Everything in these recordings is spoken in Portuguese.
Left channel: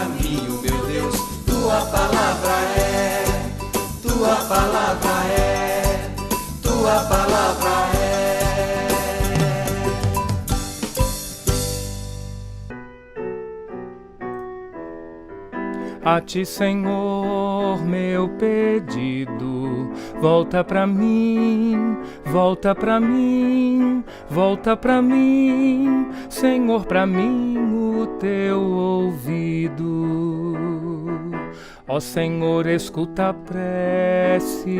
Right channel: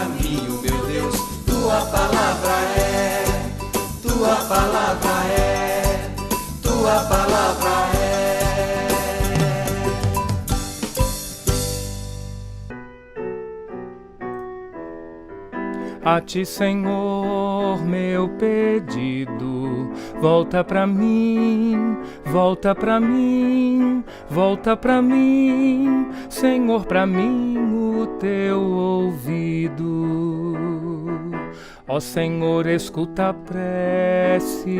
caminho, meu Deus. Tua palavra é, tua palavra é, tua palavra é. A ti, Senhor, meu pedido, volta pra mim, volta pra mim, volta pra mim, Senhor, pra mim o teu ouvido. Ó Senhor, escuta a prece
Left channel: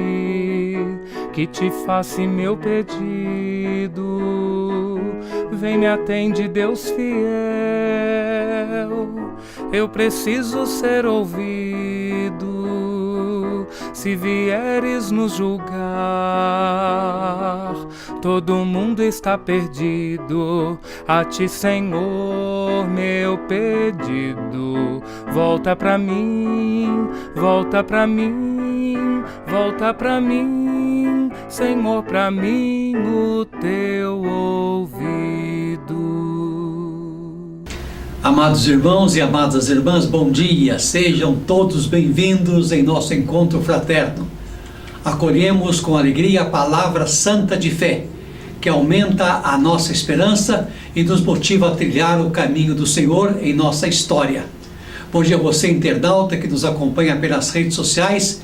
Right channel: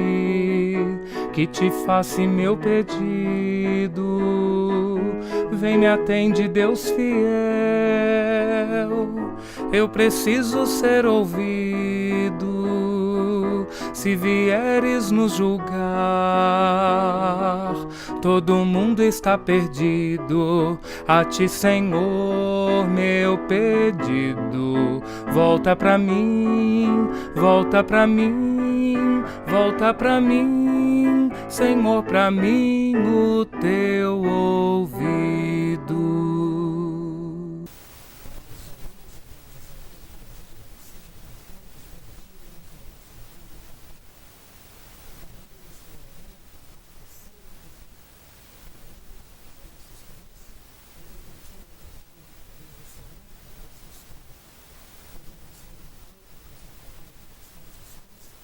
que te faço meu pedido. Vem, me atende, Deus fiel. Eu preciso ser ouvido. Se vieres nos julgar, todo mundo está perdido. A ti, Senhor, meu pedido. Volta pra mim, volta pra mim, volta pra mim, Senhor, pra mim o teu ouvido. Amados irmãos e amadas irmãs, bom dia, sejam todos bem-vindos em nosso encontro fraterno. Acolhemos com alegria a palavra santa de fé, que aumenta a nossa esperança e nos motiva a trilhar o caminho do Senhor em nossa história. Bom dia a você, internauta, que nos acompanha pelas redes sociais,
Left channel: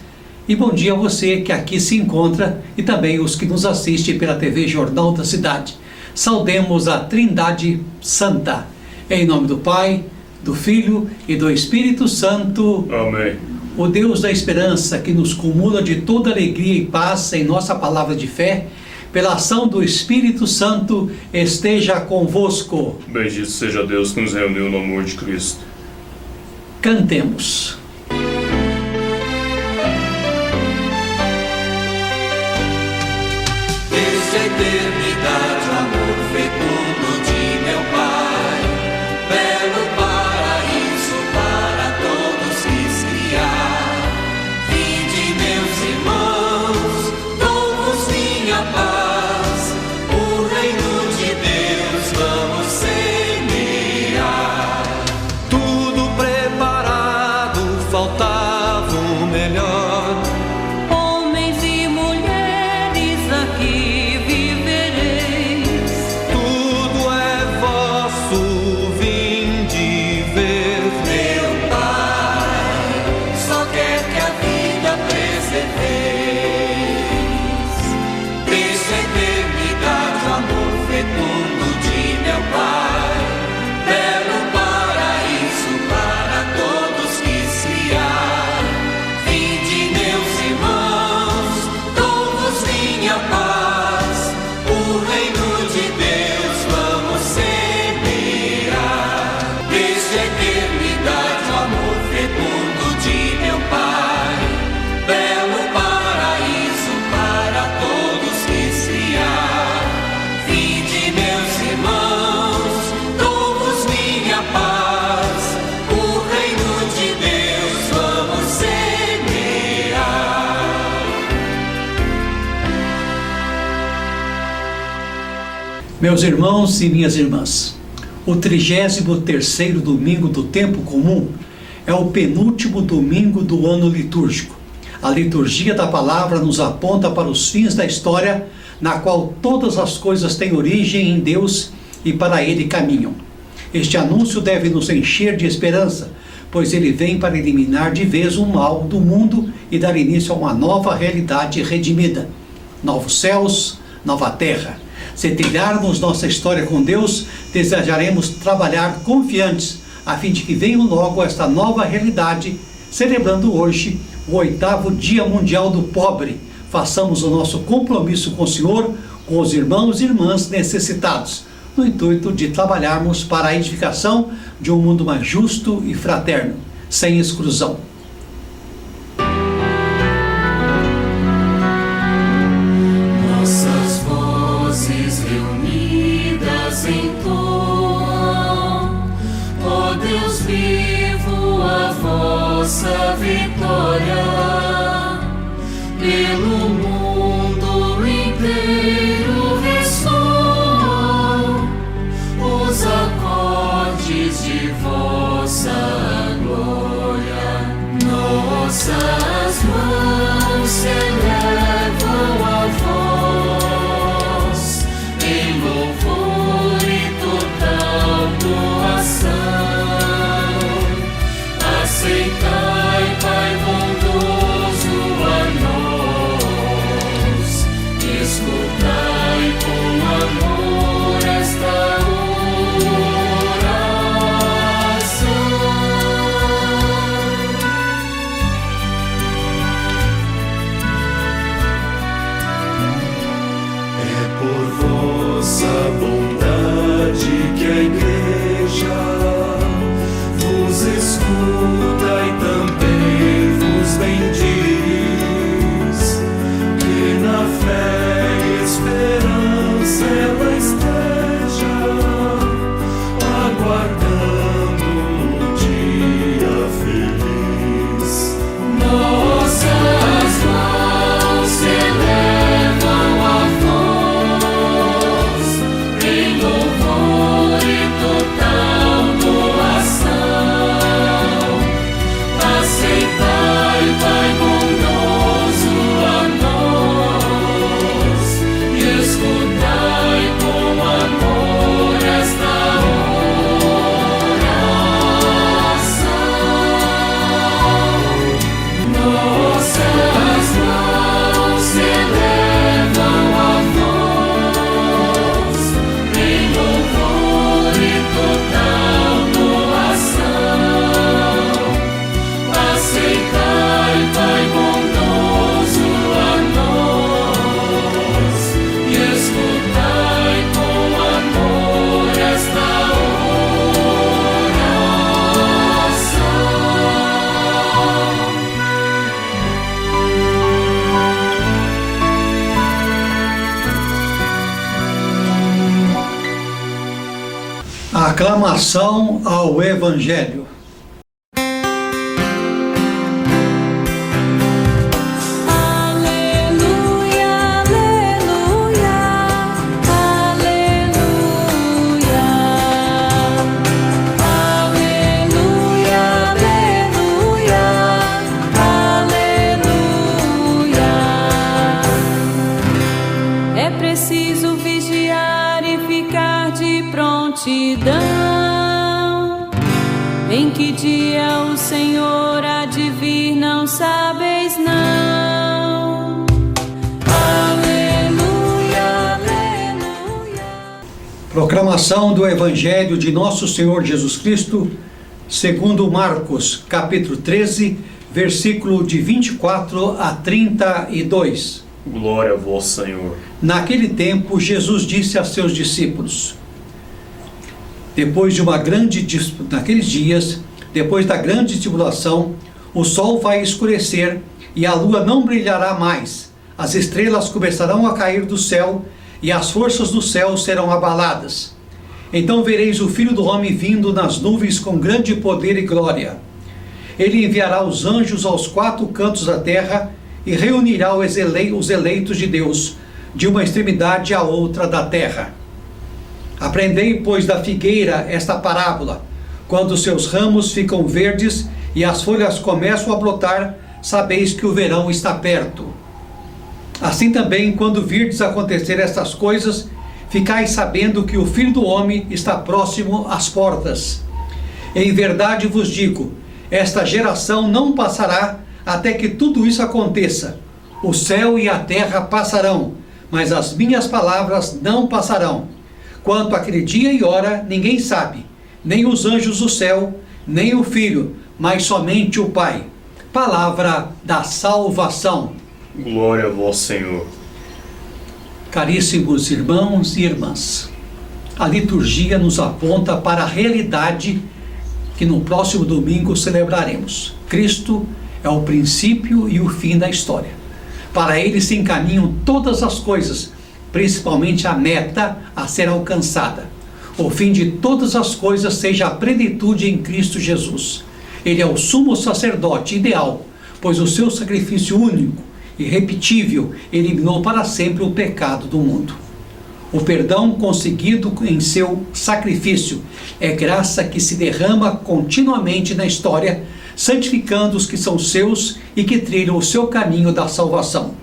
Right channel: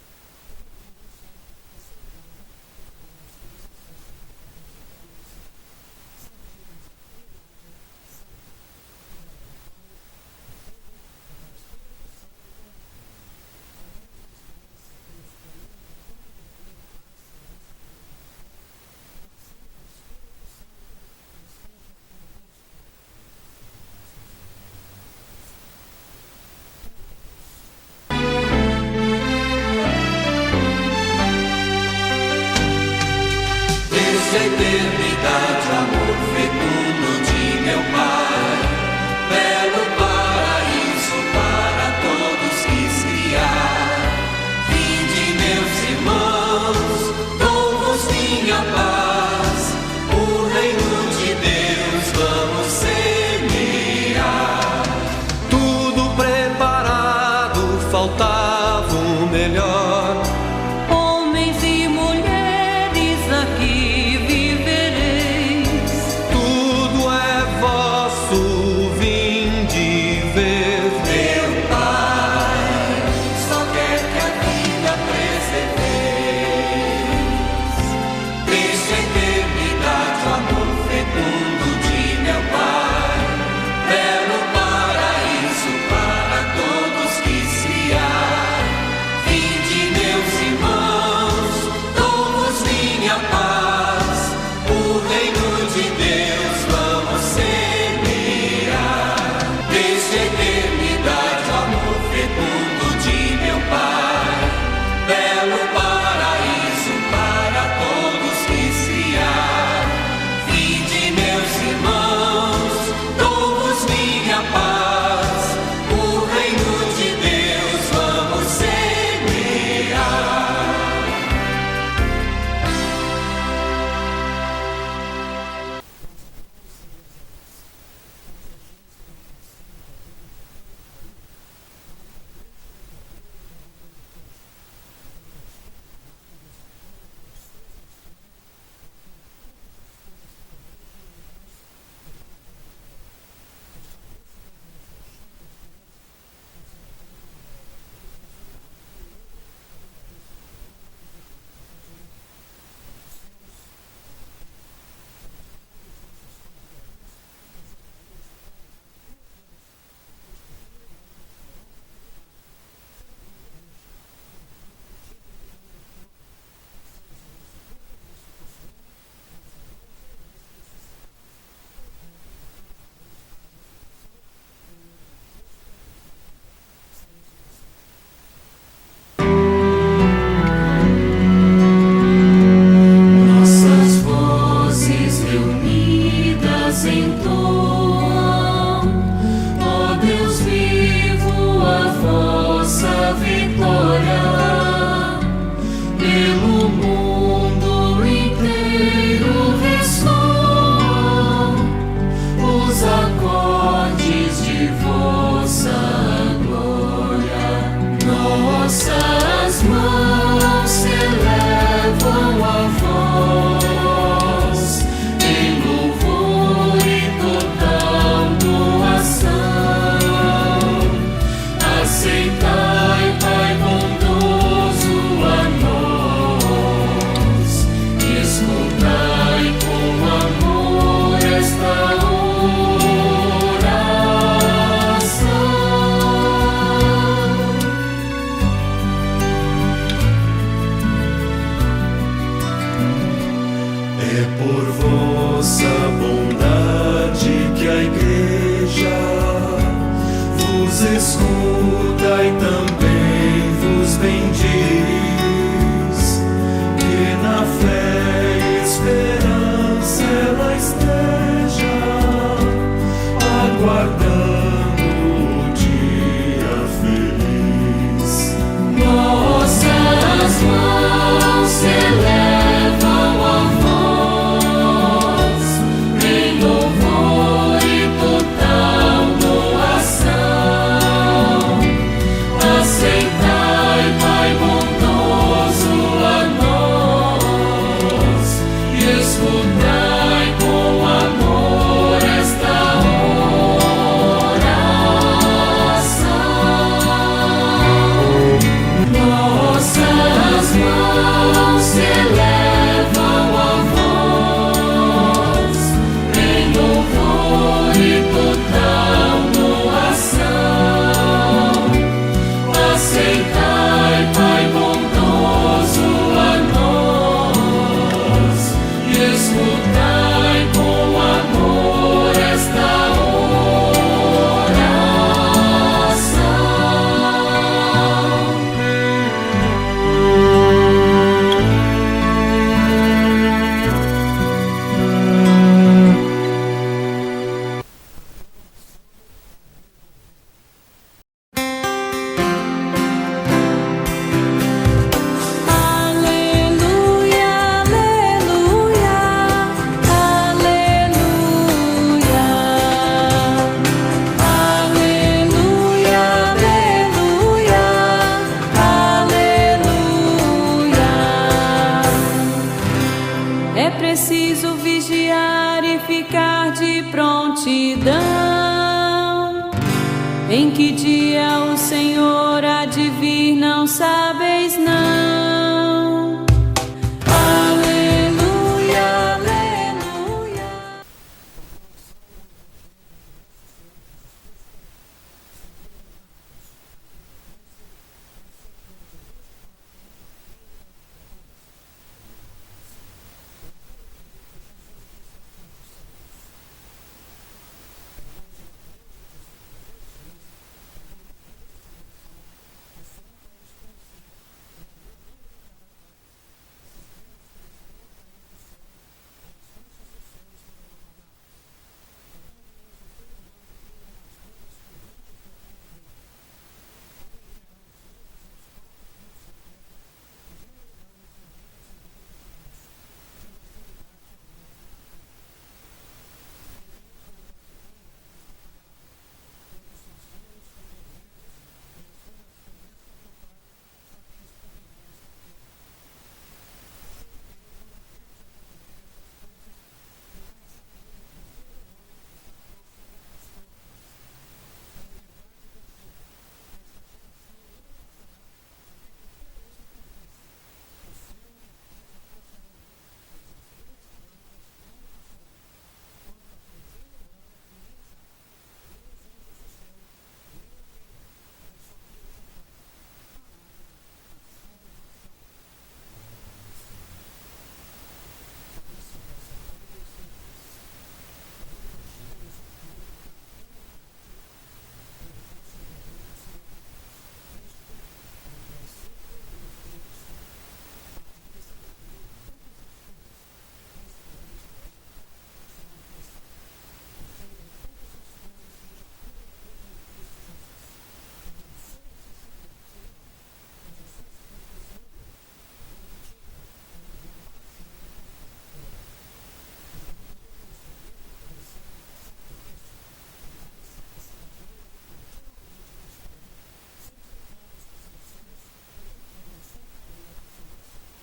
e bom dia a você que aqui se encontra e também os que nos assistem pela TV Jornal da Cidade. Saudemos a Trindade Santa. Em nome do Pai, do Filho e do Espírito Santo. Amém. O Deus da esperança, que nos cumula de toda alegria e paz em nossa palavra de fé, pela ação do Espírito Santo, esteja convosco. Bendito seja Deus que nos reuniu no amor de Cristo. Cantemos. Desde a eternidade, o amor fecundo de meu Pai, belo paraíso para todos quis criar. Vinde, meus irmãos, dou-vos minha paz, o reino de Deus vamos semear. Tudo preparado, faltava o melhor. Homens e mulheres, aqui vivereis. Tudo é vosso, vinde ver. Meu Pai só quer que a vida preserveis. Desde a eternidade, o amor fecundo de meu Pai, belo paraíso para todos quis criar. Vinde, meus irmãos, dou-vos minha paz, o reino de Deus vamos semear. Desde a eternidade, o amor fecundo de meu Pai, belo paraíso para todos quis criar. Vinde, meus irmãos, dou-vos minha paz, o reino de Deus vamos semear. Meus irmãos e minhas irmãs, o 33º domingo do tempo comum é o penúltimo domingo do ano litúrgico. A liturgia da palavra nos aponta para os fins da história, na qual todas as coisas têm origem em Deus e para Ele caminham. Este anúncio deve nos encher de esperança, pois ele vem para eliminar de vez o mal do mundo e dar início a uma nova realidade redimida. Novos céus, nova terra. Se trilharmos nossa história com Deus, desejaremos trabalhar confiantes, a fim de que venha logo esta nova realidade, celebrando hoje o 8º Dia Mundial do Pobre. Façamos o nosso compromisso com o Senhor, com os irmãos e irmãs necessitados, no intuito de trabalharmos para a edificação de um mundo mais justo e fraterno, sem exclusão. Nossas vozes reunidas entoam, ó Deus vivo, a vossa vitória. Pelo mundo inteiro ressoam os acordes de vossa glória. Proclamação ao Evangelho. É preciso vigiar e ficar de prontidão. Em que dia o Senhor há de vir, não sabeis não. Aleluia, aleluia. Proclamação do Evangelho de Nosso Senhor Jesus Cristo, segundo Marcos, capítulo 13, versículo de 24 a 32. Glória a vós, Senhor. Naquele tempo, Jesus disse a seus discípulos: naqueles dias, depois da grande tribulação, o sol vai escurecer e a lua não brilhará mais. As estrelas começarão a cair do céu e as forças do céu serão abaladas. Então vereis o Filho do Homem vindo nas nuvens com grande poder e glória. Ele enviará os anjos aos quatro cantos da terra e reunirá os eleitos de Deus, de uma extremidade à outra da terra. Aprendei, pois, da figueira esta parábola. Quando seus ramos ficam verdes e as folhas começam a brotar, sabeis que o verão está perto. Assim também, quando virdes acontecer estas coisas, ficai sabendo que o Filho do Homem está próximo às portas. Em verdade vos digo, esta geração não passará até que tudo isso aconteça. O céu e a terra passarão, mas as minhas palavras não passarão. Quanto àquele dia e hora, ninguém sabe, nem os anjos do céu, nem o Filho, mas somente o Pai. Palavra da salvação. Glória a vós, Senhor. Caríssimos irmãos e irmãs, a liturgia nos aponta para a realidade que no próximo domingo celebraremos. Cristo é o princípio e o fim da história. Para ele se encaminham todas as coisas, principalmente a meta a ser alcançada. O fim de todas as coisas seja a plenitude em Cristo Jesus. Ele é o sumo sacerdote ideal, pois o seu sacrifício único, irrepetível, eliminou para sempre o pecado do mundo. O perdão conseguido em seu sacrifício é graça que se derrama continuamente na história, santificando os que são seus e que trilham o seu caminho da salvação.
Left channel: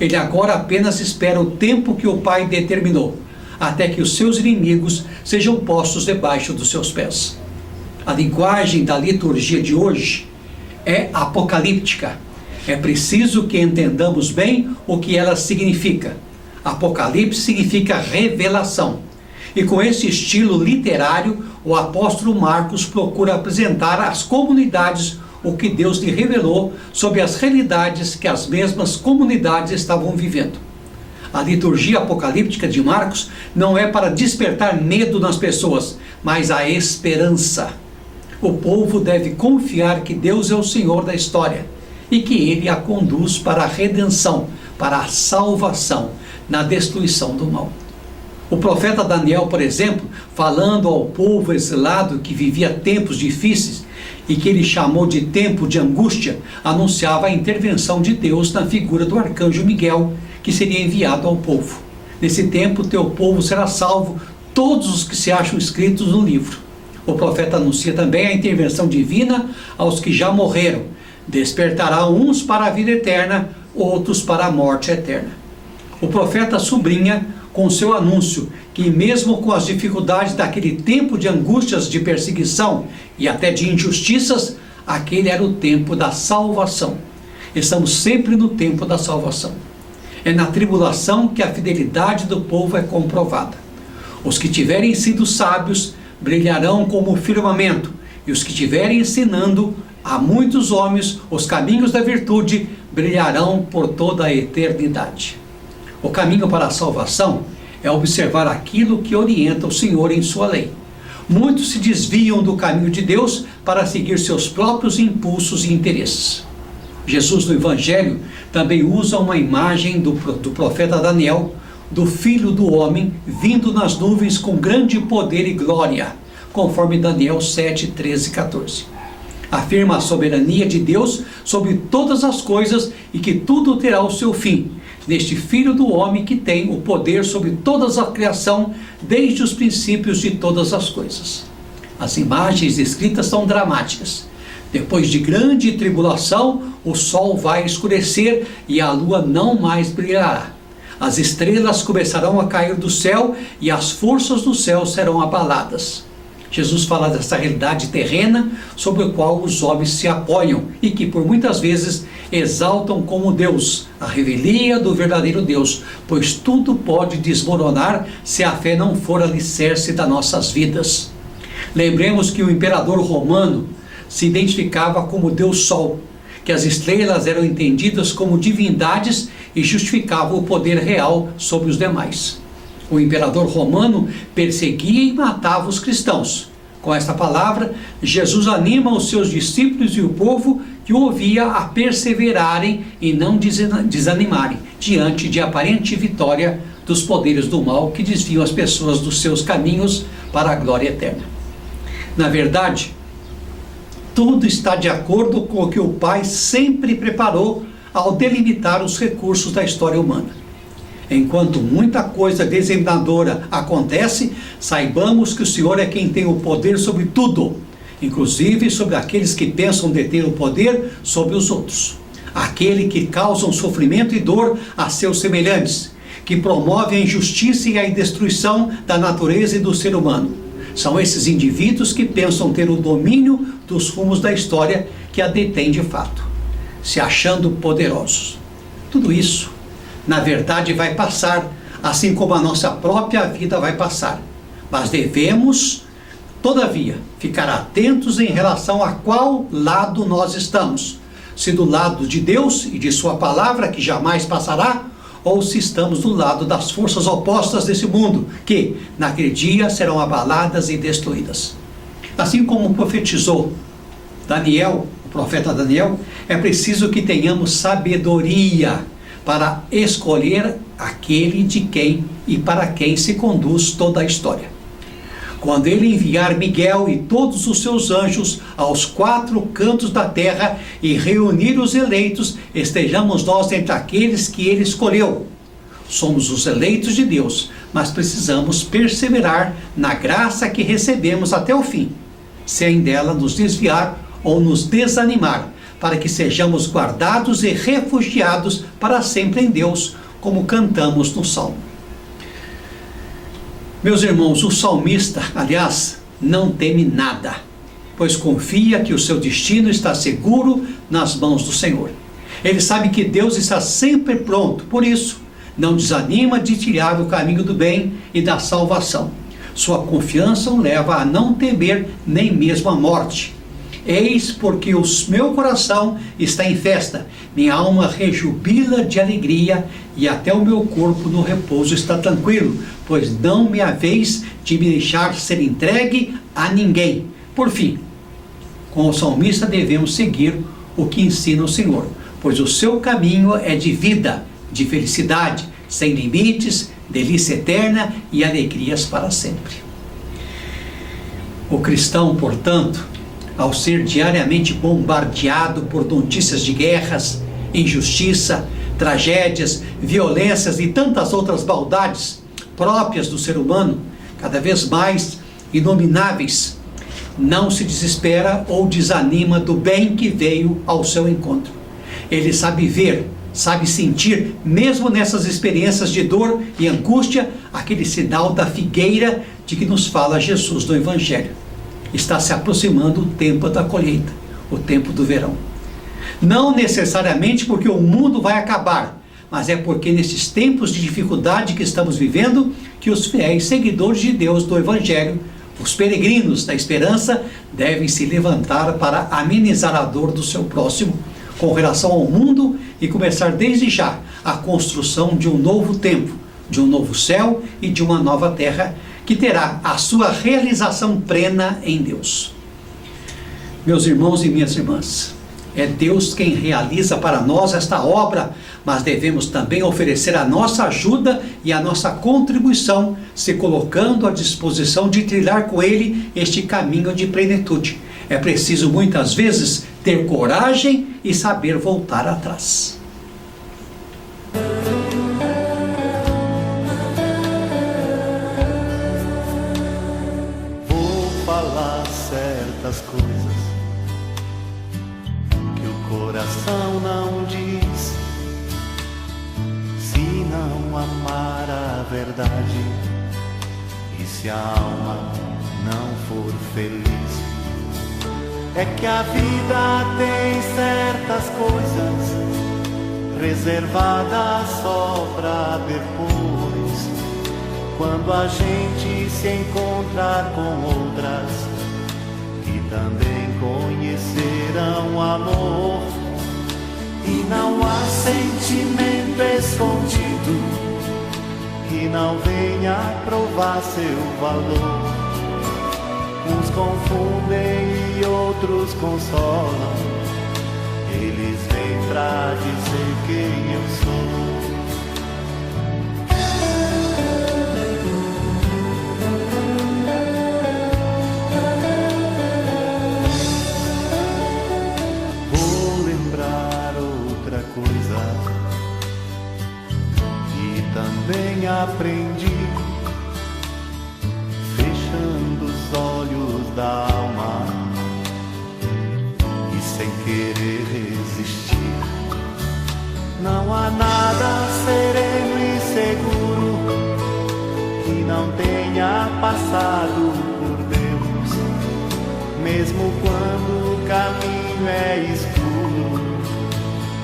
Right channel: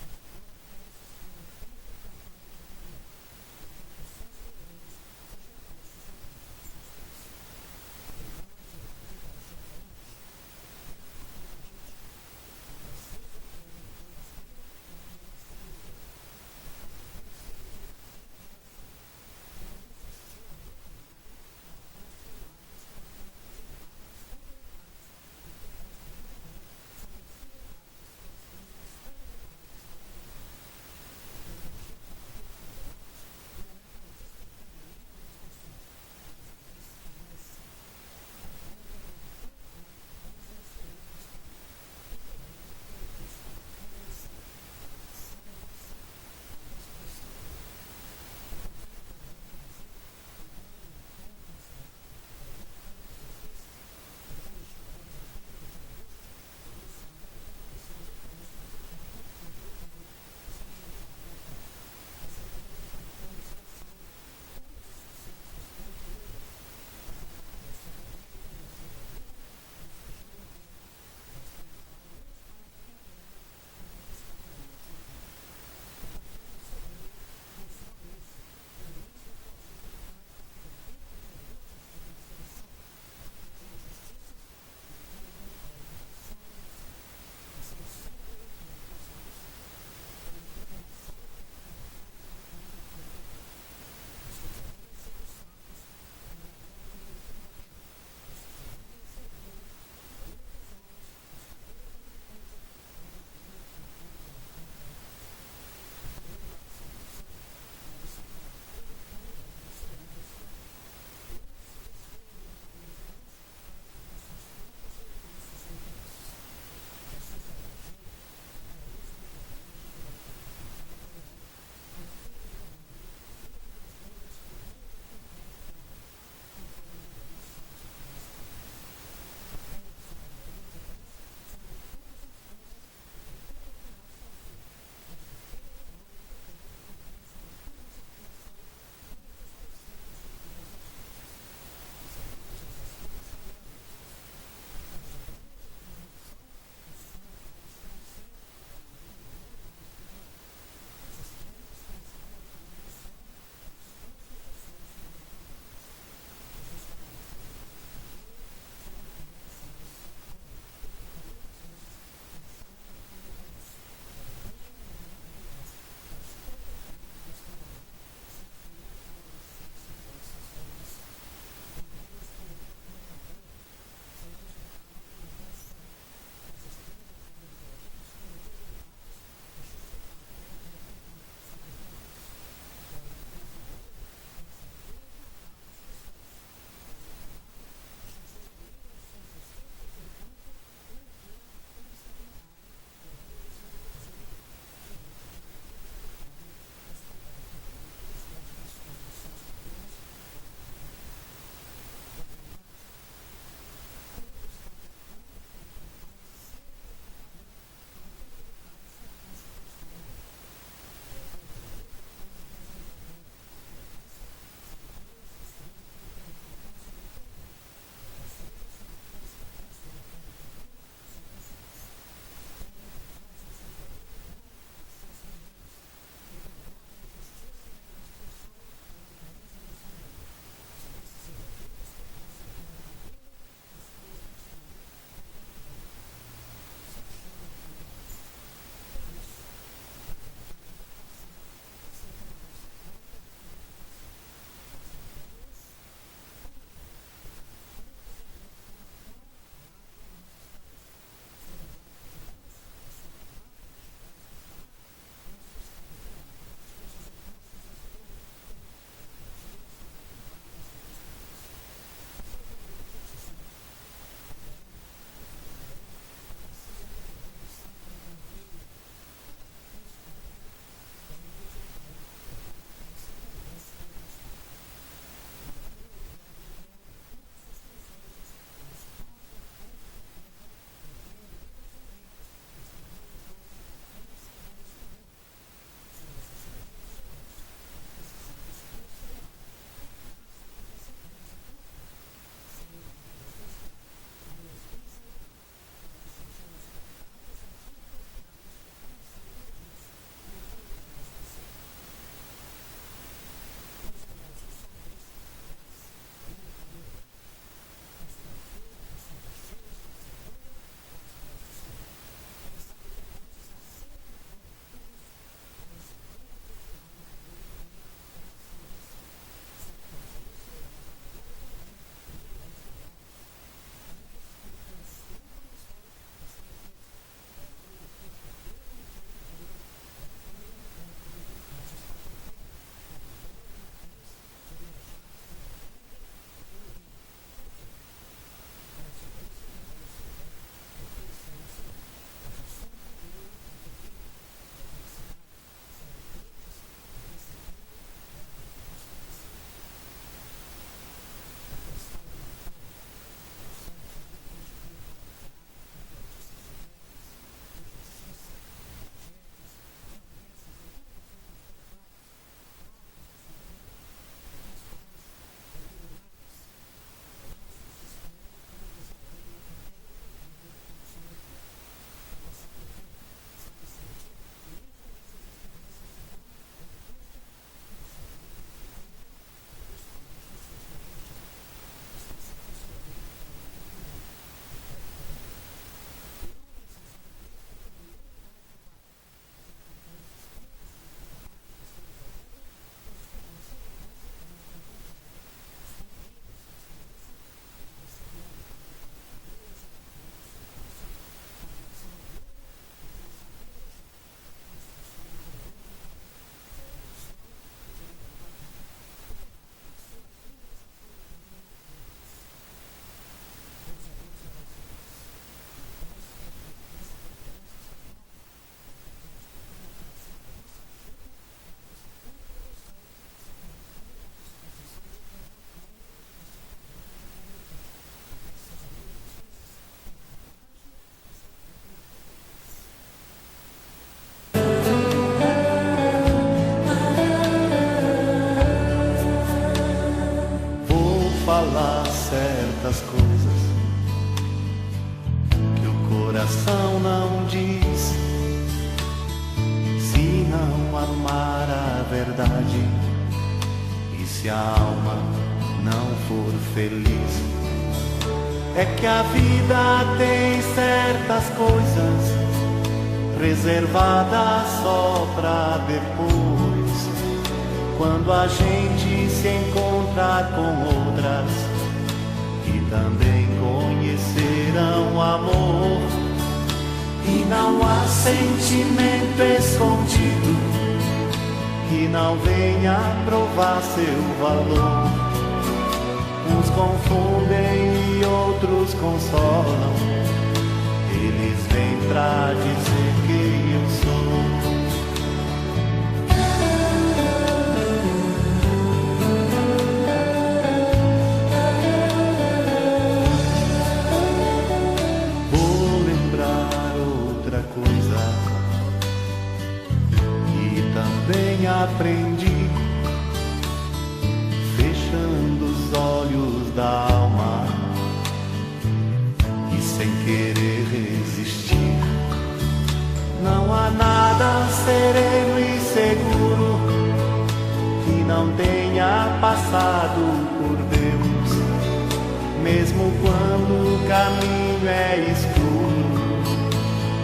Ele agora apenas espera o tempo que o Pai determinou, até que os seus inimigos sejam postos debaixo dos seus pés. A linguagem da liturgia de hoje é apocalíptica. É preciso que entendamos bem o que ela significa. Apocalipse significa revelação. E com esse estilo literário, o apóstolo Marcos procura apresentar às comunidades o que Deus lhe revelou sobre as realidades que as mesmas comunidades estavam vivendo. A liturgia apocalíptica de Marcos não é para despertar medo nas pessoas, mas a esperança. O povo deve confiar que Deus é o Senhor da história e que Ele a conduz para a redenção, para a salvação, na destruição do mal. O profeta Daniel, por exemplo, falando ao povo exilado que vivia tempos difíceis e que ele chamou de tempo de angústia, anunciava a intervenção de Deus na figura do arcanjo Miguel, que seria enviado ao povo. Nesse tempo, teu povo será salvo, todos os que se acham escritos no livro. O profeta anuncia também a intervenção divina aos que já morreram. Despertará uns para a vida eterna, outros para a morte eterna. O profeta sublinha com seu anúncio que mesmo com as dificuldades daquele tempo de angústias, de perseguição e até de injustiças, aquele era o tempo da salvação. Estamos sempre no tempo da salvação. É na tribulação que a fidelidade do povo é comprovada. Os que tiverem sido sábios brilharão como o firmamento, e os que tiverem ensinando a muitos homens os caminhos da virtude brilharão por toda a eternidade. O caminho para a salvação é observar aquilo que orienta o Senhor em sua lei. Muitos se desviam do caminho de Deus para seguir seus próprios impulsos e interesses. Jesus no Evangelho também usa uma imagem do profeta Daniel, do Filho do Homem, vindo nas nuvens com grande poder e glória. conforme Daniel 7, 13 e 14. Afirma a soberania de Deus sobre todas as coisas e que tudo terá o seu fim, neste Filho do Homem que tem o poder sobre toda a criação, desde os princípios de todas as coisas. As imagens escritas são dramáticas. Depois de grande tribulação, o sol vai escurecer e a lua não mais brilhará. As estrelas começarão a cair do céu e as forças do céu serão abaladas. Jesus fala dessa realidade terrena sobre a qual os homens se apoiam e que por muitas vezes exaltam como Deus, a revelia do verdadeiro Deus, pois tudo pode desmoronar se a fé não for alicerce das nossas vidas. Lembremos que o imperador romano se identificava como Deus Sol, que as estrelas eram entendidas como divindades e justificavam o poder real sobre os demais. O imperador romano perseguia e matava os cristãos. Com esta palavra, Jesus anima os seus discípulos e o povo que o ouvia a perseverarem e não desanimarem diante de aparente vitória dos poderes do mal que desviam as pessoas dos seus caminhos para a glória eterna. Na verdade, tudo está de acordo com o que o Pai sempre preparou ao delimitar os recursos da história humana. Enquanto muita coisa desanimadora acontece, saibamos que o Senhor é quem tem o poder sobre tudo, inclusive sobre aqueles que pensam deter o poder sobre os outros. Aquele que causa sofrimento e dor a seus semelhantes, que promove a injustiça e a destruição da natureza e do ser humano. São esses indivíduos que pensam ter o domínio dos rumos da história que a detém de fato, se achando poderosos. Tudo isso, na verdade, vai passar, assim como a nossa própria vida vai passar. Mas devemos, todavia, ficar atentos em relação a qual lado nós estamos. Se do lado de Deus e de sua palavra, que jamais passará, ou se estamos do lado das forças opostas desse mundo, que, naquele dia, serão abaladas e destruídas. Assim como profetizou Daniel, o profeta Daniel, é preciso que tenhamos sabedoria para escolher aquele de quem e para quem se conduz toda a história. Quando ele enviar Miguel e todos os seus anjos aos 4 cantos da terra e reunir os eleitos, estejamos nós entre aqueles que ele escolheu. Somos os eleitos de Deus, mas precisamos perseverar na graça que recebemos até o fim, sem dela nos desviar ou nos desanimar, para que sejamos guardados e refugiados para sempre em Deus, como cantamos no Salmo. Meus irmãos, o salmista, aliás, não teme nada, pois confia que o seu destino está seguro nas mãos do Senhor. Ele sabe que Deus está sempre pronto, por isso, não desanima de tirar o caminho do bem e da salvação. Sua confiança o leva a não temer nem mesmo a morte. Eis porque o meu coração está em festa, minha alma rejubila de alegria e até o meu corpo no repouso está tranquilo, pois não me haveis de me deixar ser entregue a ninguém. Por fim, com o salmista devemos seguir o que ensina o Senhor, pois o seu caminho é de vida, de felicidade, sem limites, delícia eterna e alegrias para sempre. O cristão, portanto, ao ser diariamente bombardeado por notícias de guerras, injustiça, tragédias, violências e tantas outras maldades próprias do ser humano, cada vez mais inomináveis, não se desespera ou desanima do bem que veio ao seu encontro. Ele sabe ver, sabe sentir, mesmo nessas experiências de dor e angústia, aquele sinal da figueira de que nos fala Jesus no Evangelho. Está se aproximando o tempo da colheita, o tempo do verão. Não necessariamente porque o mundo vai acabar, mas é porque nesses tempos de dificuldade que estamos vivendo, que os fiéis seguidores de Deus do Evangelho, os peregrinos da esperança, devem se levantar para amenizar a dor do seu próximo, com relação ao mundo, e começar desde já a construção de um novo tempo, de um novo céu e de uma nova terra, que terá a sua realização plena em Deus. Meus irmãos e minhas irmãs, É Deus quem realiza para nós esta obra, mas devemos também oferecer a nossa ajuda e a nossa contribuição, se colocando à disposição de trilhar com Ele este caminho de plenitude. É preciso muitas vezes ter coragem e saber voltar atrás. Vou falar certas coisas que o coração não diz, se não amar a verdade e se a alma não for feliz. É que a vida tem certas coisas reservadas só pra depois, quando a gente se encontrar com outras que também conhecerão amor. E não há sentimento escondido que não venha provar seu valor. Uns confundem e outros consolam, eles vêm pra dizer quem eu sou. Vou lembrar outra coisa que também aprendi, fechando os olhos da alma e sem querer resistir. Não há nada sereno e seguro que não tenha passado por Deus, mesmo quando o caminho é escuro,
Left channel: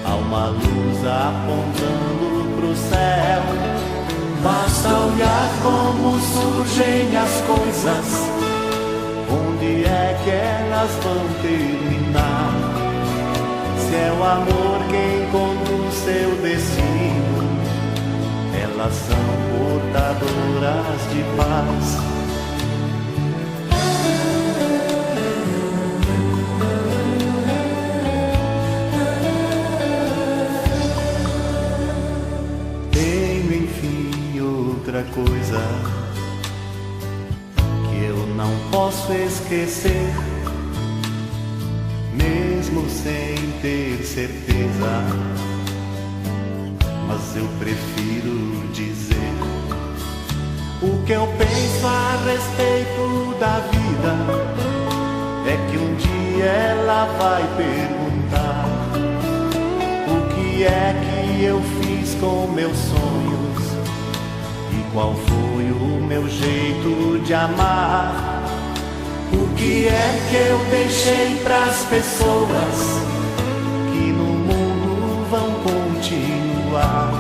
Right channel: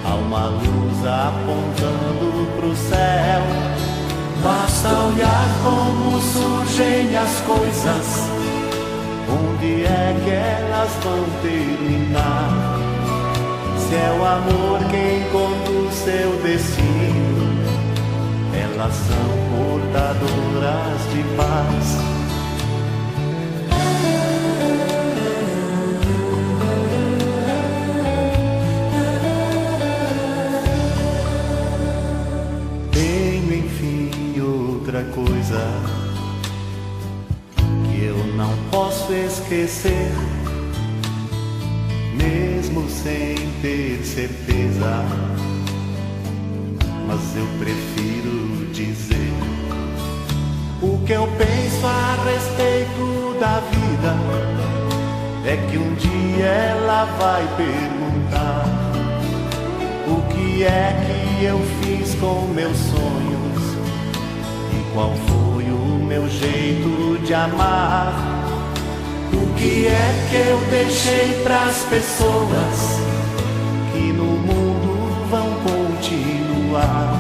há uma luz apontando pro céu. Basta olhar como surgem as coisas, onde é que elas vão terminar. Se é o amor quem conduz seu destino, elas são portadoras de paz. Tenho enfim outra coisa que eu não posso esquecer, mesmo sem ter certeza, mas eu prefiro dizer o que eu penso a respeito da vida. É que um dia ela vai perguntar o que é que eu fiz com meus sonhos e qual foi o meu jeito de amar. O que é que eu deixei pras pessoas que no mundo vão continuar,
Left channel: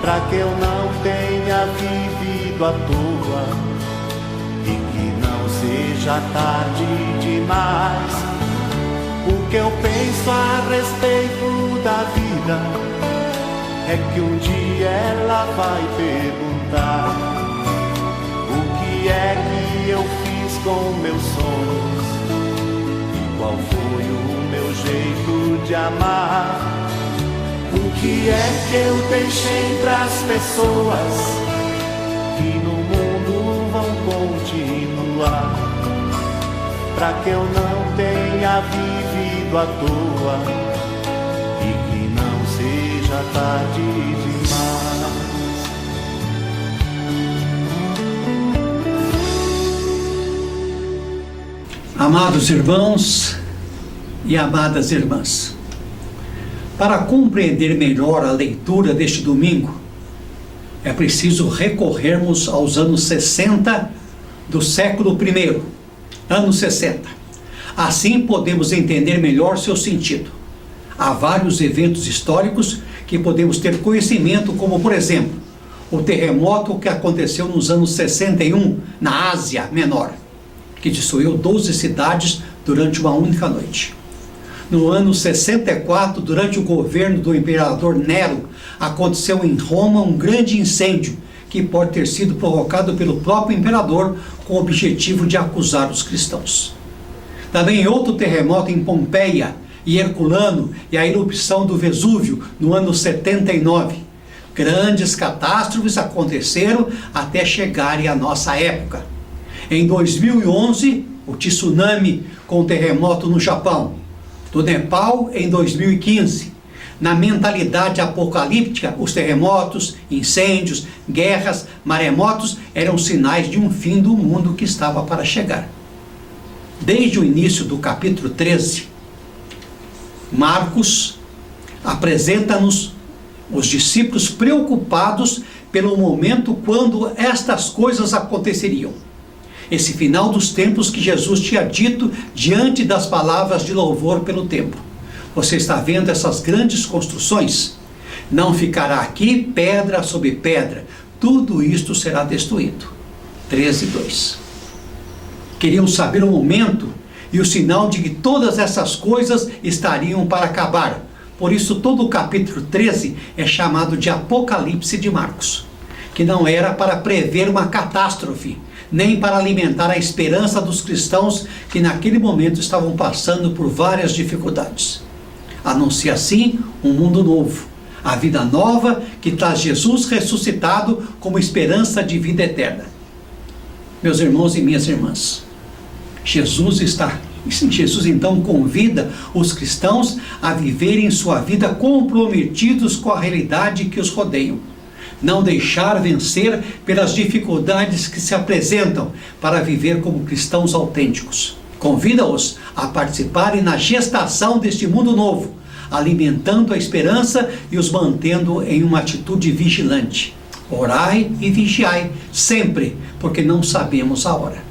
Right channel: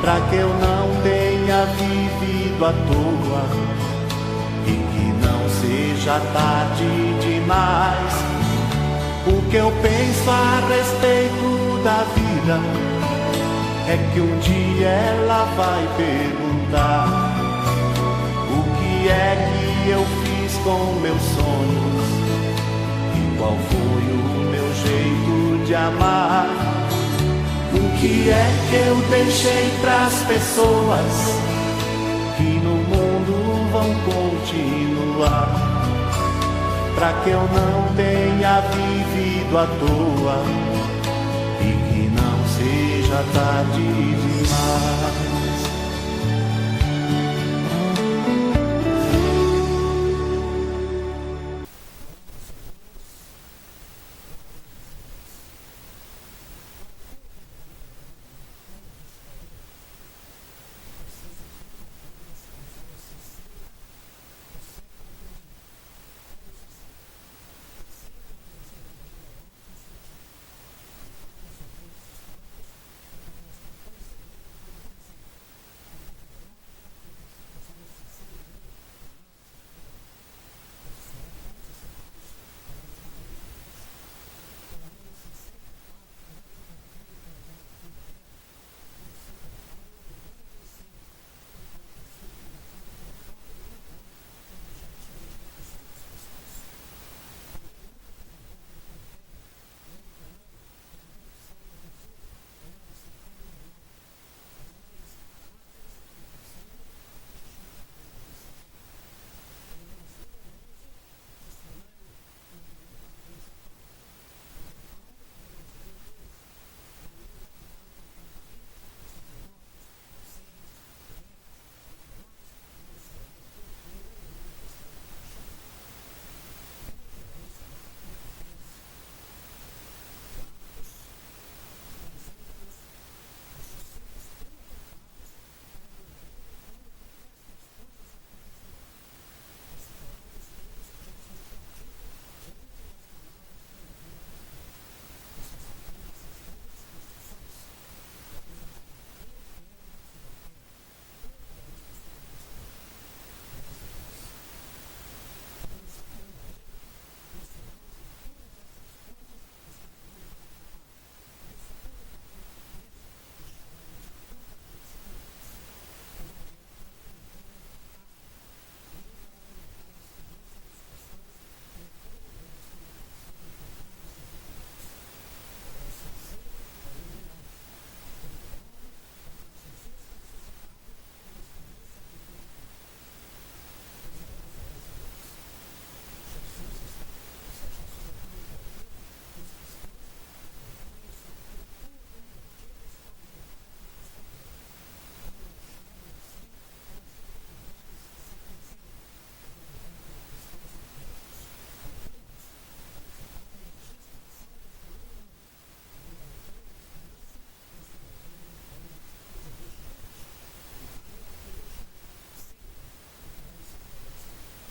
pra que eu não tenha vivido à toa e que não seja tarde demais. O que eu penso a respeito da vida é que um dia ela vai perguntar o que é que eu fiz com meus sonhos e qual foi o meu jeito de amar. O que é que eu deixei pras pessoas que no mundo vão continuar, pra que eu não tenha vivido à toa e que não seja tarde demais. Amados irmãos e amadas irmãs, para compreender melhor a leitura deste domingo, é preciso recorrermos aos anos 60 do século I, anos 60. Assim podemos entender melhor seu sentido. Há vários eventos históricos que podemos ter conhecimento, como por exemplo, o terremoto que aconteceu nos anos 61 na Ásia Menor, que destruiu 12 cidades durante uma única noite. No ano 64, durante o governo do imperador Nero, aconteceu em Roma um grande incêndio que pode ter sido provocado pelo próprio imperador com o objetivo de acusar os cristãos. Também outro terremoto em Pompeia, e Herculano e a erupção do Vesúvio no ano 79. Grandes catástrofes aconteceram até chegarem à nossa época. Em 2011, o tsunami com terremoto no Japão. Do Nepal em 2015. Na mentalidade apocalíptica, os terremotos, incêndios, guerras, maremotos eram sinais de um fim do mundo que estava para chegar. Desde o início do capítulo 13, Marcos apresenta-nos os discípulos preocupados pelo momento quando estas coisas aconteceriam. Esse final dos tempos que Jesus tinha dito diante das palavras de louvor pelo templo. Você está vendo essas grandes construções? Não ficará aqui pedra sobre pedra. Tudo isto será destruído. 13:2. Queriam saber o momento e o sinal de que todas essas coisas estariam para acabar. Por isso todo o capítulo 13 é chamado de Apocalipse de Marcos, que não era para prever uma catástrofe, nem para alimentar a esperança dos cristãos que naquele momento estavam passando por várias dificuldades. Anuncia assim um mundo novo, a vida nova que traz Jesus ressuscitado como esperança de vida eterna. Meus irmãos e minhas irmãs, Jesus então convida os cristãos a viverem sua vida comprometidos com a realidade que os rodeiam. Não deixar vencer pelas dificuldades que se apresentam para viver como cristãos autênticos. Convida-os a participarem na gestação deste mundo novo, alimentando a esperança e os mantendo em uma atitude vigilante. Orai e vigiai sempre, porque não sabemos a hora.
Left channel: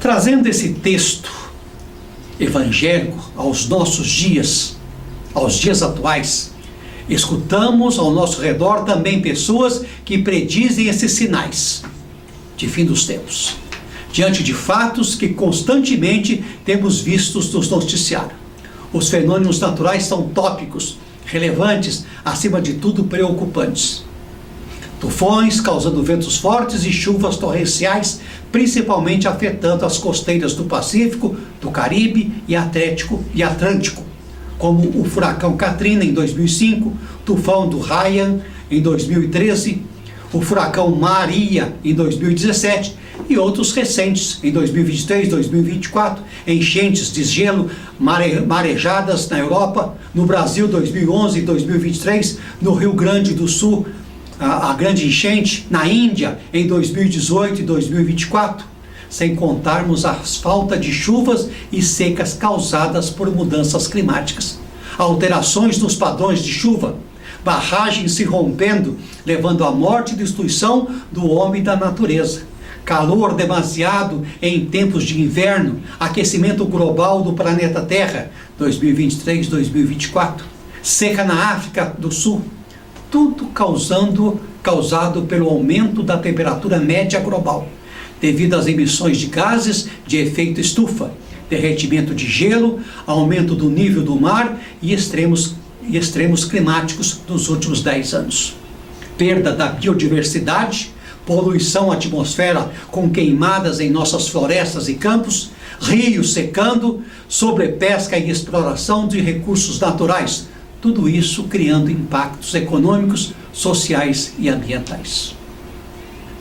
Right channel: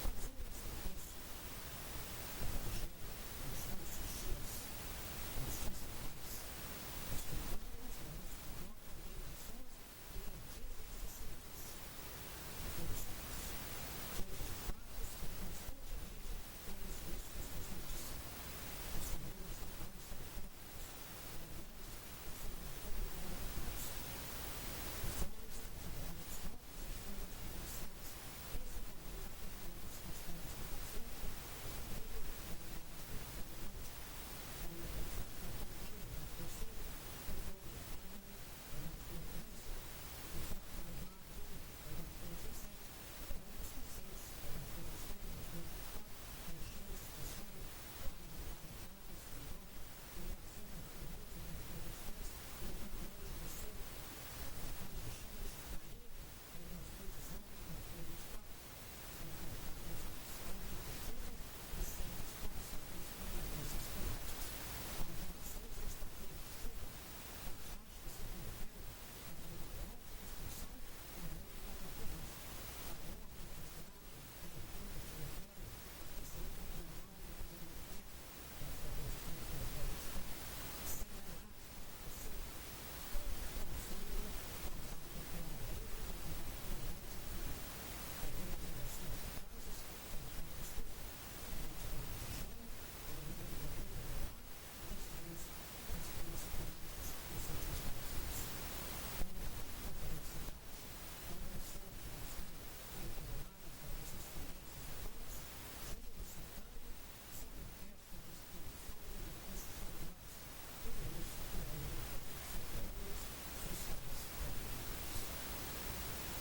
Trazendo esse texto evangélico aos nossos dias, aos dias atuais, escutamos ao nosso redor também pessoas que predizem esses sinais de fim dos tempos, diante de fatos que constantemente temos vistos nos noticiários. Os fenômenos naturais são tópicos, relevantes, acima de tudo preocupantes. Tufões causando ventos fortes e chuvas torrenciais, principalmente afetando as costeiras do Pacífico, do Caribe e Atlântico, como o furacão Katrina em 2005, o tufão do Haiyan em 2013, o furacão Maria em 2017 e outros recentes em 2023, 2024, enchentes de gelo, marejadas na Europa, no Brasil 2011 e 2023, no Rio Grande do Sul, a grande enchente, na Índia em 2018 e 2024, sem contarmos a falta de chuvas e secas causadas por mudanças climáticas, alterações nos padrões de chuva, barragens se rompendo, levando à morte e destruição do homem e da natureza, calor demasiado em tempos de inverno, aquecimento global do planeta Terra, 2023-2024, seca na África do Sul, tudo causado pelo aumento da temperatura média global, devido às emissões de gases de efeito estufa, derretimento de gelo, aumento do nível do mar e extremos climáticos dos últimos 10 anos. Perda da biodiversidade, poluição atmosfera com queimadas em nossas florestas e campos, rios secando, sobrepesca e exploração de recursos naturais, tudo isso criando impactos econômicos, sociais e ambientais.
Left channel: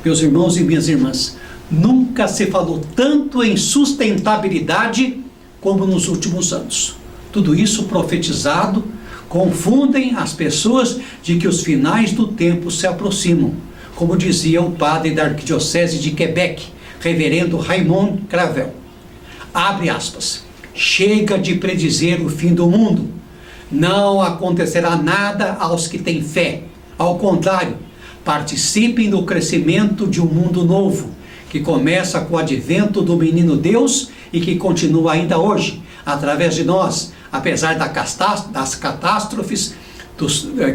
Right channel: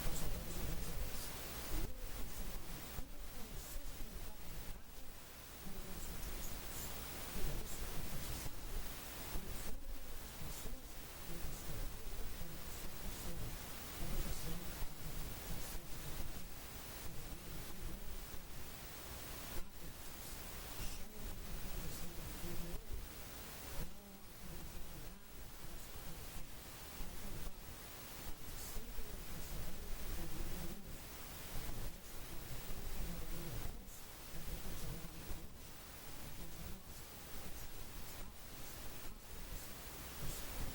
Meus irmãos e minhas irmãs, nunca se falou tanto em sustentabilidade como nos últimos anos. Tudo isso profetizado, confundem as pessoas de que os finais do tempo se aproximam, como dizia o padre da Arquidiocese de Quebec, reverendo Raymond Cravel. Abre aspas. Chega de predizer o fim do mundo. Não acontecerá nada aos que têm fé. Ao contrário, participem do crescimento de um mundo novo, que começa com o advento do menino Deus e que continua ainda hoje, através de nós, apesar das catástrofes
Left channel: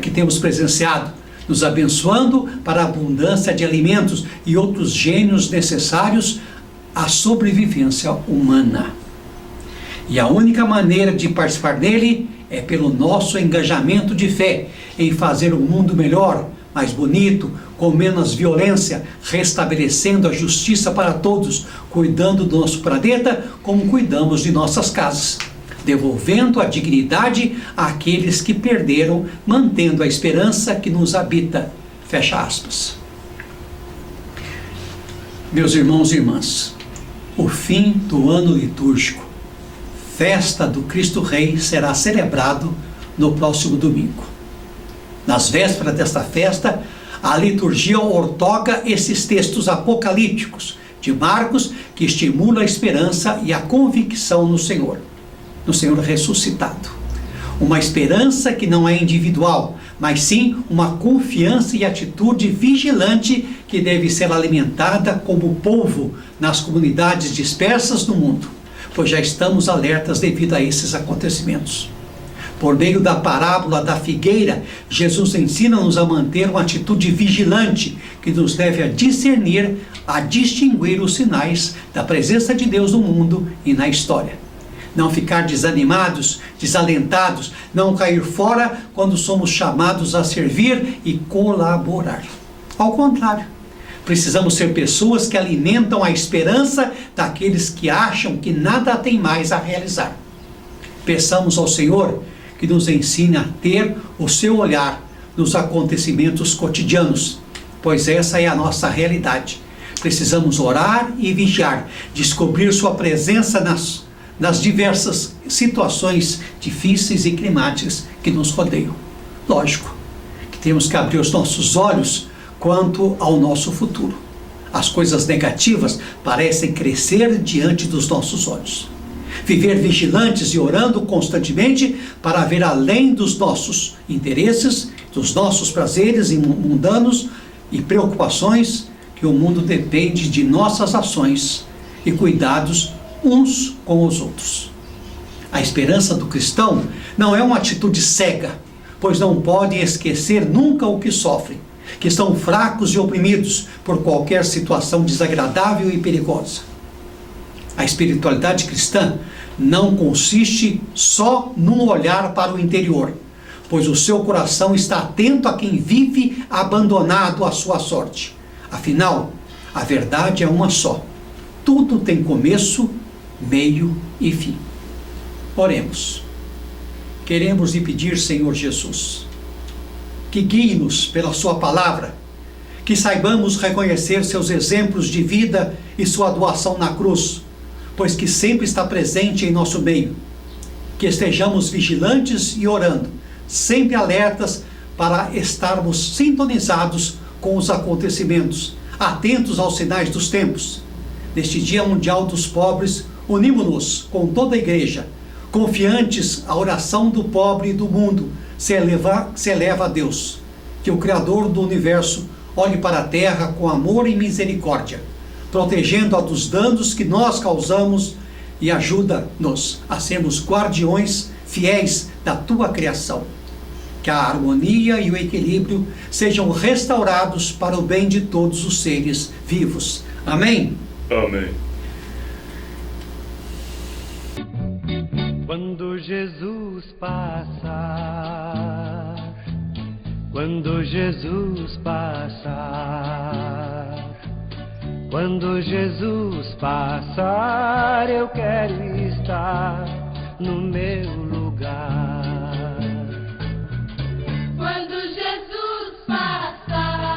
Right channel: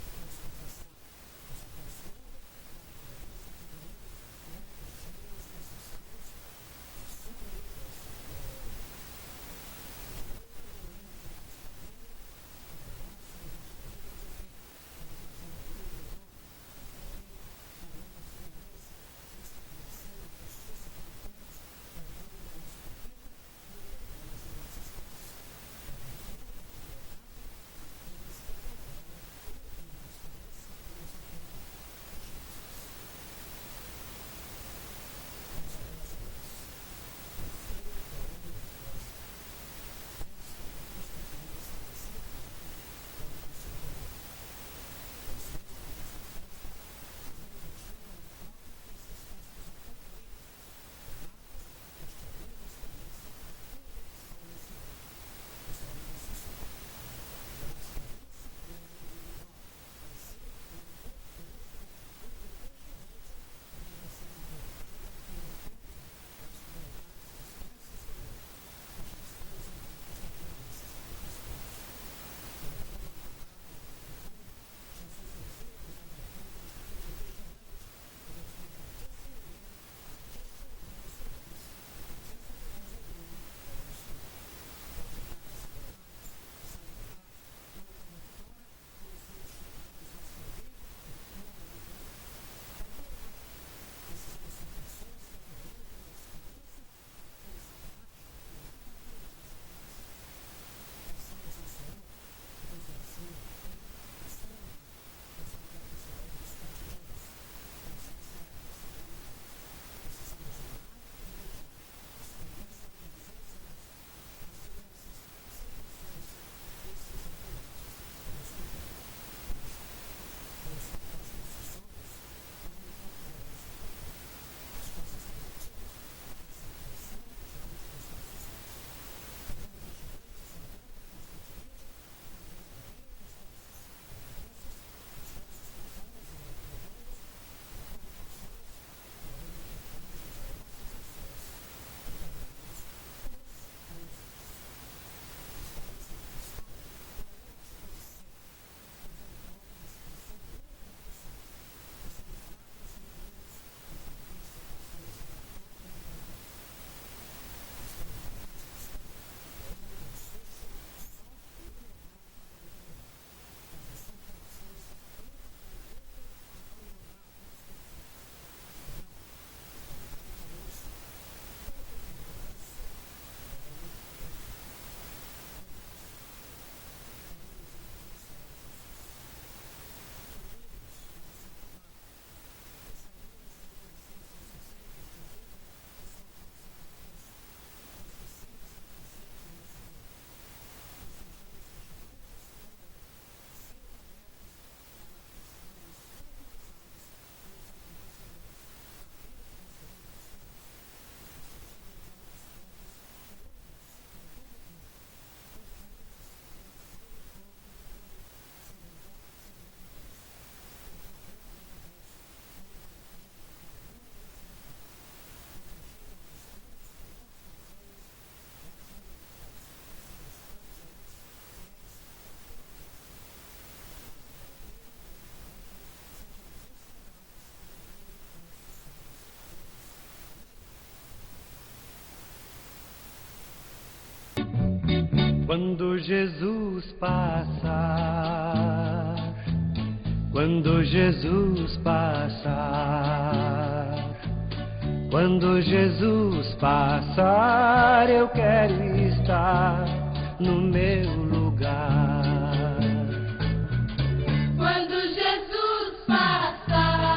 que temos presenciado, nos abençoando para a abundância de alimentos e outros gênios necessários à sobrevivência humana. E a única maneira de participar dele é pelo nosso engajamento de fé em fazer um mundo melhor, mais bonito, com menos violência, restabelecendo a justiça para todos, cuidando do nosso planeta como cuidamos de nossas casas, devolvendo a dignidade àqueles que perderam, mantendo a esperança que nos habita. Fecha aspas. Meus irmãos e irmãs, o fim do ano litúrgico, festa do Cristo Rei, será celebrado no próximo domingo. Nas vésperas desta festa, a liturgia ortoga esses textos apocalípticos de Marcos, que estimula a esperança e a convicção no Senhor ressuscitado. Uma esperança que não é individual, mas sim uma confiança e atitude vigilante que deve ser alimentada como povo nas comunidades dispersas do mundo, pois já estamos alertas devido a esses acontecimentos. Por meio da parábola da figueira, Jesus ensina-nos a manter uma atitude vigilante que nos leve a discernir, a distinguir os sinais da presença de Deus no mundo e na história. Não ficar desanimados, desalentados, não cair fora quando somos chamados a servir e colaborar. Ao contrário, precisamos ser pessoas que alimentam a esperança daqueles que acham que nada tem mais a realizar. Peçamos ao Senhor que nos ensine a ter o seu olhar nos acontecimentos cotidianos, pois essa é a nossa realidade. Precisamos orar e vigiar, descobrir sua presença nas diversas situações difíceis e climáticas que nos rodeiam. Lógico que temos que abrir os nossos olhos quanto ao nosso futuro. As coisas negativas parecem crescer diante dos nossos olhos. Viver vigilantes e orando constantemente para ver além dos nossos interesses, dos nossos prazeres mundanos e preocupações, que o mundo depende de nossas ações e cuidados uns com os outros. A esperança do cristão não é uma atitude cega, pois não podem esquecer nunca o que sofrem, que estão fracos e oprimidos por qualquer situação desagradável e perigosa. A espiritualidade cristã não consiste só num olhar para o interior, pois o seu coração está atento a quem vive abandonado à sua sorte. Afinal, a verdade é uma só. Tudo tem começo, meio e fim. Oremos. Queremos lhe pedir, Senhor Jesus, que guie-nos pela sua palavra, que saibamos reconhecer seus exemplos de vida e sua doação na cruz, pois que sempre está presente em nosso meio. Que estejamos vigilantes e orando, sempre alertas para estarmos sintonizados com os acontecimentos, atentos aos sinais dos tempos. Neste Dia Mundial dos Pobres, unimos-nos com toda a igreja, confiantes a oração do pobre e do mundo se eleva a Deus. Que o Criador do Universo olhe para a terra com amor e misericórdia, protegendo-a dos danos que nós causamos e ajuda-nos a sermos guardiões fiéis da tua criação. Que a harmonia e o equilíbrio sejam restaurados para o bem de todos os seres vivos. Amém? Amém. Quando Jesus passar, quando Jesus passar, quando Jesus passar, eu quero estar no meu lugar. Quando Jesus passar,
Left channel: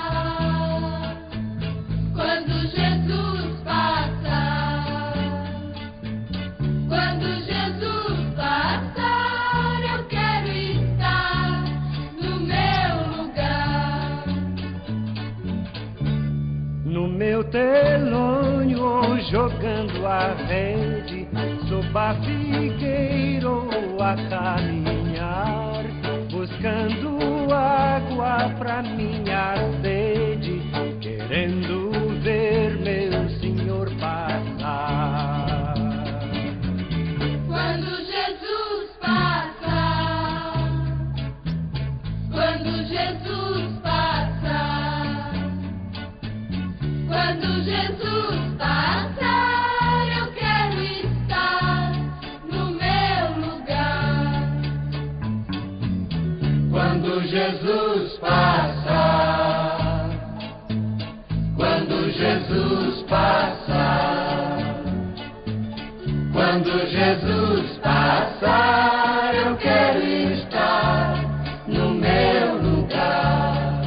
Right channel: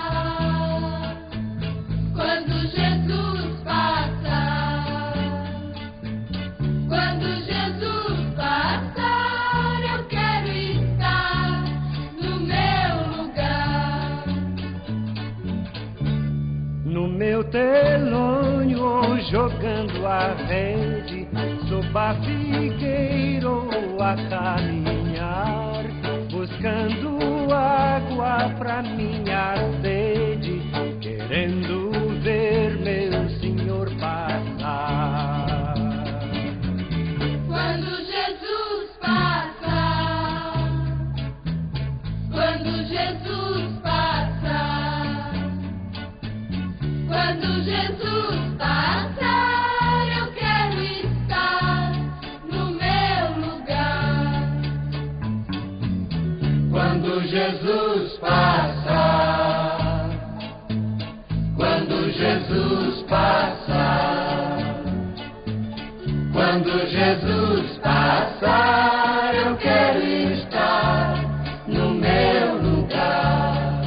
quando Jesus passar, quando Jesus passar, eu quero estar no meu lugar. No meu telônio ou jogando a rede, sob a figueira ou a caminhar, buscando água pra minha sede, querendo ver meu Senhor passar. Quando Jesus passar, quando Jesus passar, quando Jesus passar, eu quero estar no meu lugar. Quando Jesus passar, Jesus passar, quando Jesus passar, eu quero estar no meu lugar.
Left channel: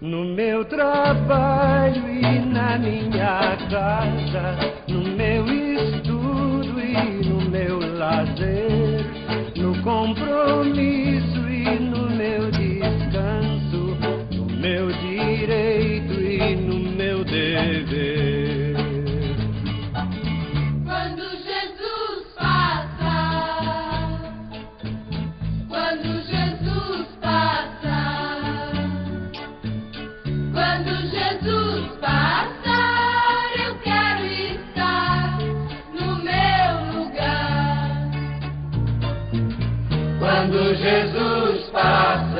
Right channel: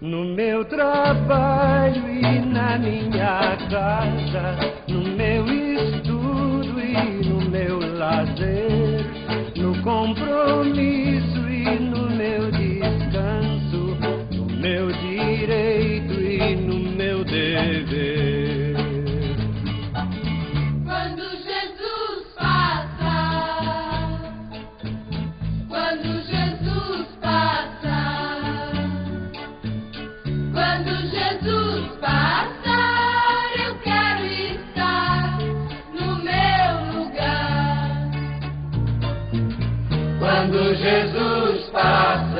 No meu trabalho e na minha casa, no meu estudo e no meu lazer, no compromisso e no meu descanso, no meu direito e no meu dever. Quando Jesus passar, quando Jesus passar, quando Jesus passar, eu quero estar no meu lugar. Quando Jesus passar,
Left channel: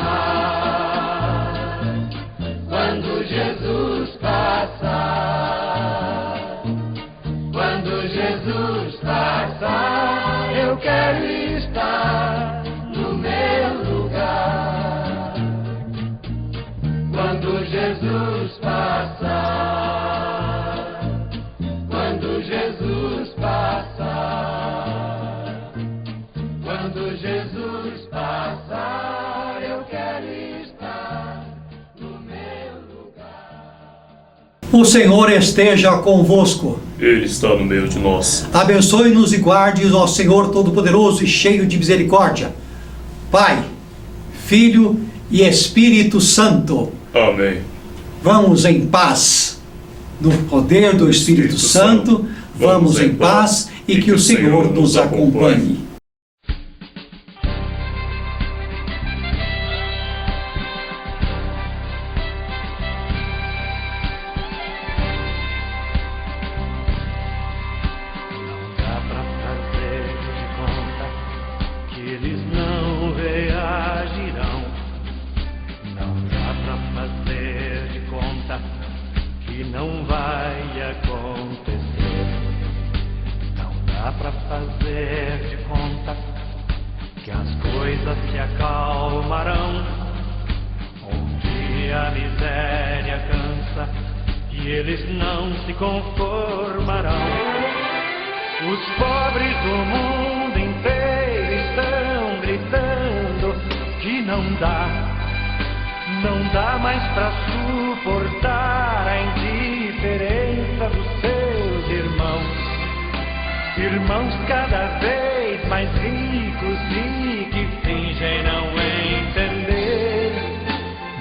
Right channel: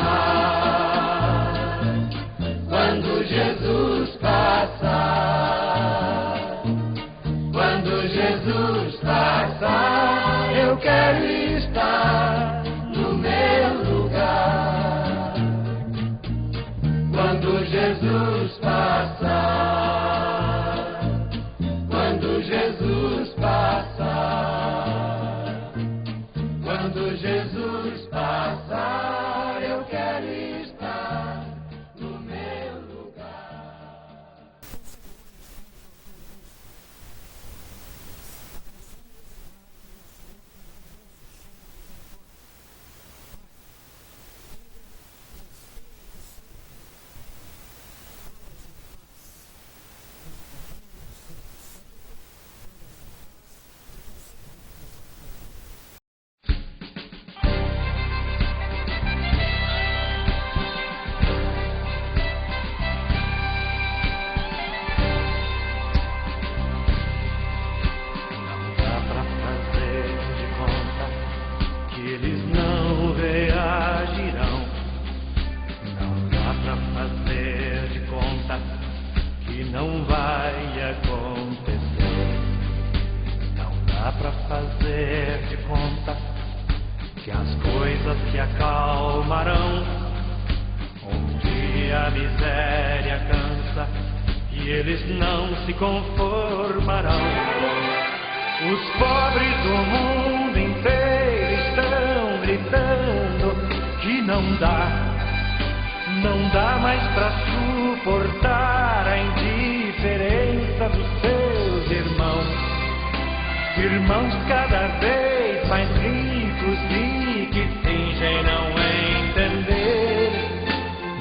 quando Jesus passar, quando Jesus passar, eu quero estar no meu lugar. Quando Jesus passar, quando Jesus passar, quando Jesus passar, eu quero estar no meu lugar. O Senhor esteja convosco. Ele está no meio de nós. Abençoe-nos e guarde-nos, ó Senhor Todo-Poderoso e cheio de misericórdia. Pai, Filho e Espírito Santo. Amém. Vamos em paz. No poder do Espírito Santo, vamos em paz e que o Senhor nos acompanhe. Não dá pra fazer de conta que eles não reagirão. Não dá pra fazer de conta que não vai acontecer. Não dá pra fazer de conta que as coisas se acalmarão. Um dia a miséria cansa e eles não se conformarão. Os pobres do mundo inteiro estão gritando que não dá mais pra suportar a indiferença dos seus irmãos. Irmãos cada vez mais ricos e que fingem não entender.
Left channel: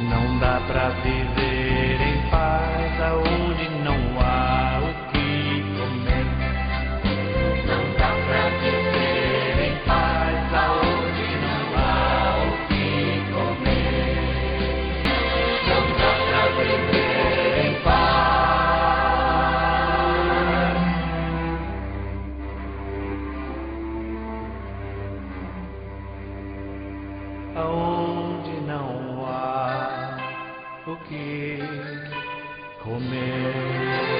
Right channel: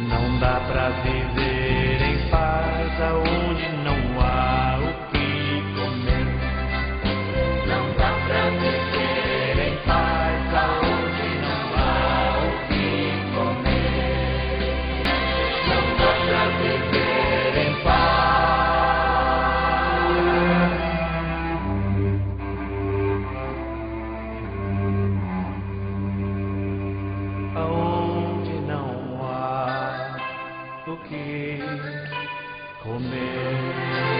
Não dá pra viver em paz aonde não há o que comer. Não dá pra viver em paz aonde não há o que comer. Não dá pra viver em paz aonde não há o que comer.